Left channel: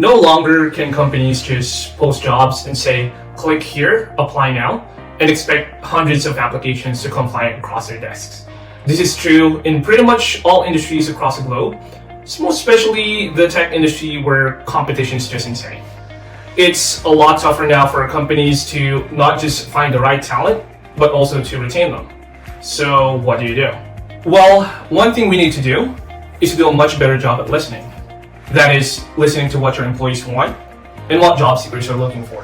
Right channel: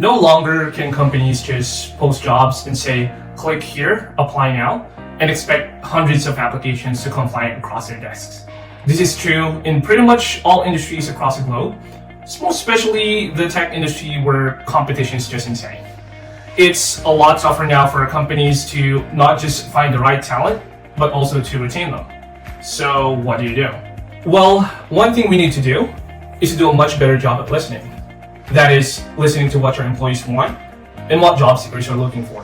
No longer can companies just post jobs and say, click here, apply now, and expect hundreds of applications to come flying across their desks. This is true in pretty much all industries across the globe, most especially the tech industry where competition is just insane. It's a lot tougher now for companies to not just find the right talent, but also to retain them. So what do you do? Well, one thing we need to do is to do a much better job at listening. That is, listening to what your employees want and what job seekers are looking for.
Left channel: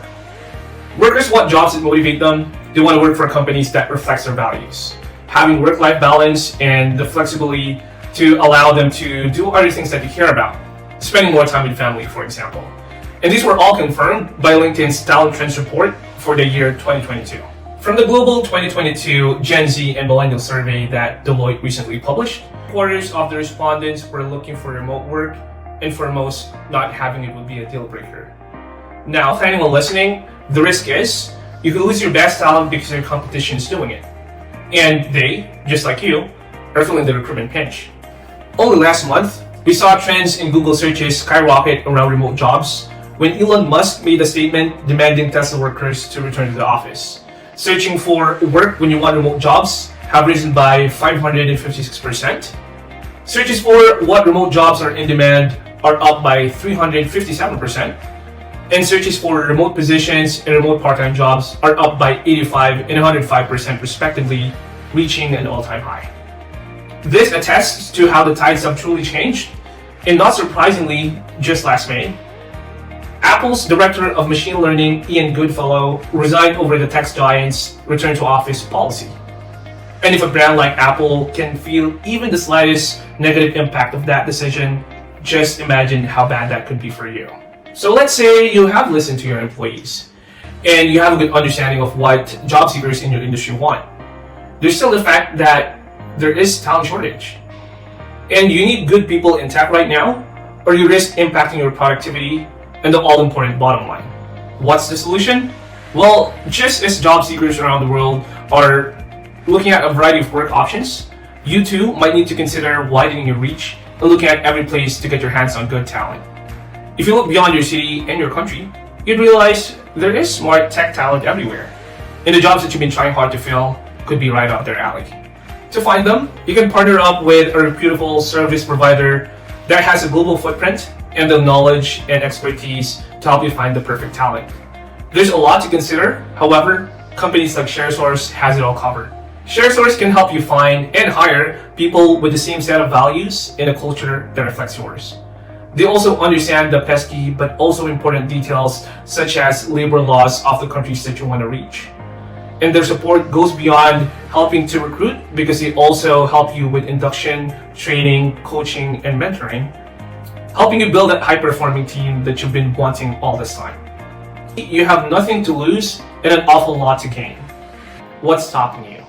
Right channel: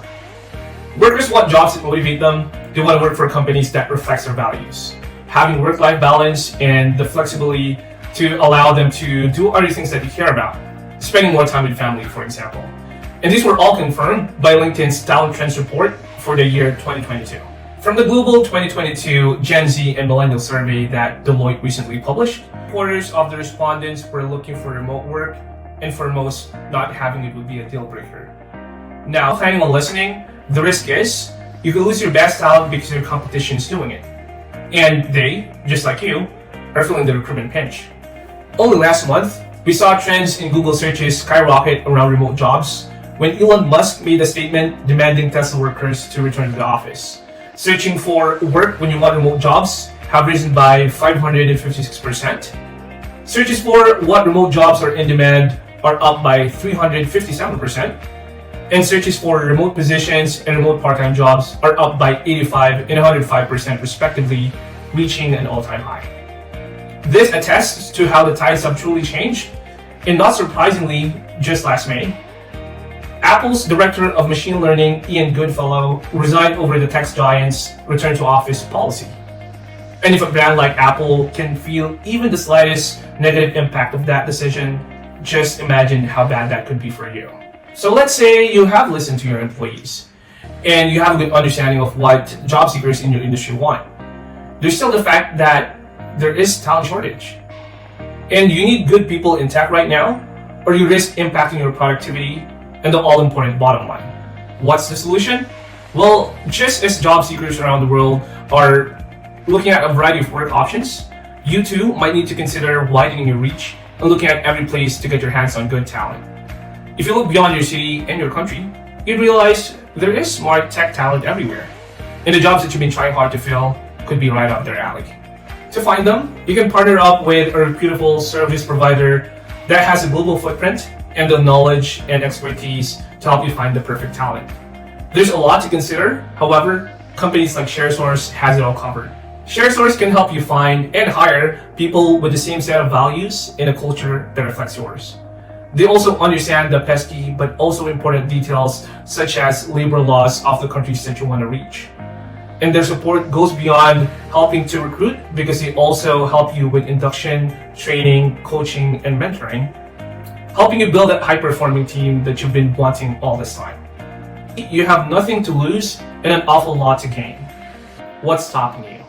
Workers want jobs that motivate them. They want to work for companies that reflects their values. Having work-life balance and the flexibility to allow them to do other things that they care about. Spending more time with family, for example. And these were all confirmed by LinkedIn's Talent Trends report for the year 2022. From the Global 2022 Gen Z and Millennial Survey that Deloitte recently published, quarters of the respondents were looking for remote work, and for most, not having it would be a deal breaker. Now, planning on listening, the risk is you could lose your best talent because your competition is doing it. And they, just like you, are feeling the recruitment pinch. Only last month, we saw trends in Google searches skyrocket around remote jobs when Elon Musk made a statement demanding Tesla workers to return to the office. Searching for work when you want remote jobs have risen by 556%. Searches for what remote jobs are in demand are up by 357%. And searches for remote positions and remote part-time jobs are up by 85 and 105% respectively, reaching an all-time high. This attests to how the tides have truly changed, and not surprisingly, just last May, Apple's Director of Machine Learning, Ian Goodfellow, resigned over the tech giant's return to office policy. And if a brand like Apple can feel even the slightest negative impact of that decision, just imagine how bad that could be for you. So let's say you have listened to your employees and you have a good understanding of what job seekers in your industry want. There's still the fact that there is talent shortage. And you need good people in tech right now, or you risk impacting your productivity and the all-important bottom line. What's the solution? Well, just as job seekers around the world are looking at a variety of work options, you too might need to consider widening your reach and looking at every place to get your hands on good talent. If you look beyond your city and your country, you'd realize there is smart tech talent everywhere. And the jobs that you've been trying hard to fill could be right up their alley. To find them, you can partner up with a reputable service provider that has a global footprint and the knowledge and expertise to help you find the perfect talent. There's a lot to consider. However, companies like Sharesource has it all covered. Sharesource can help you find and hire people with the same set of values in a culture that reflects yours. They also understand the pesky but also important details such as labor laws of the countries that you want to reach. And their support goes beyond helping to recruit because they also help you with induction, training, coaching, and mentoring, helping you build that high-performing team that you've been wanting all this time. You have nothing to lose and an awful lot to gain. What's stopping you?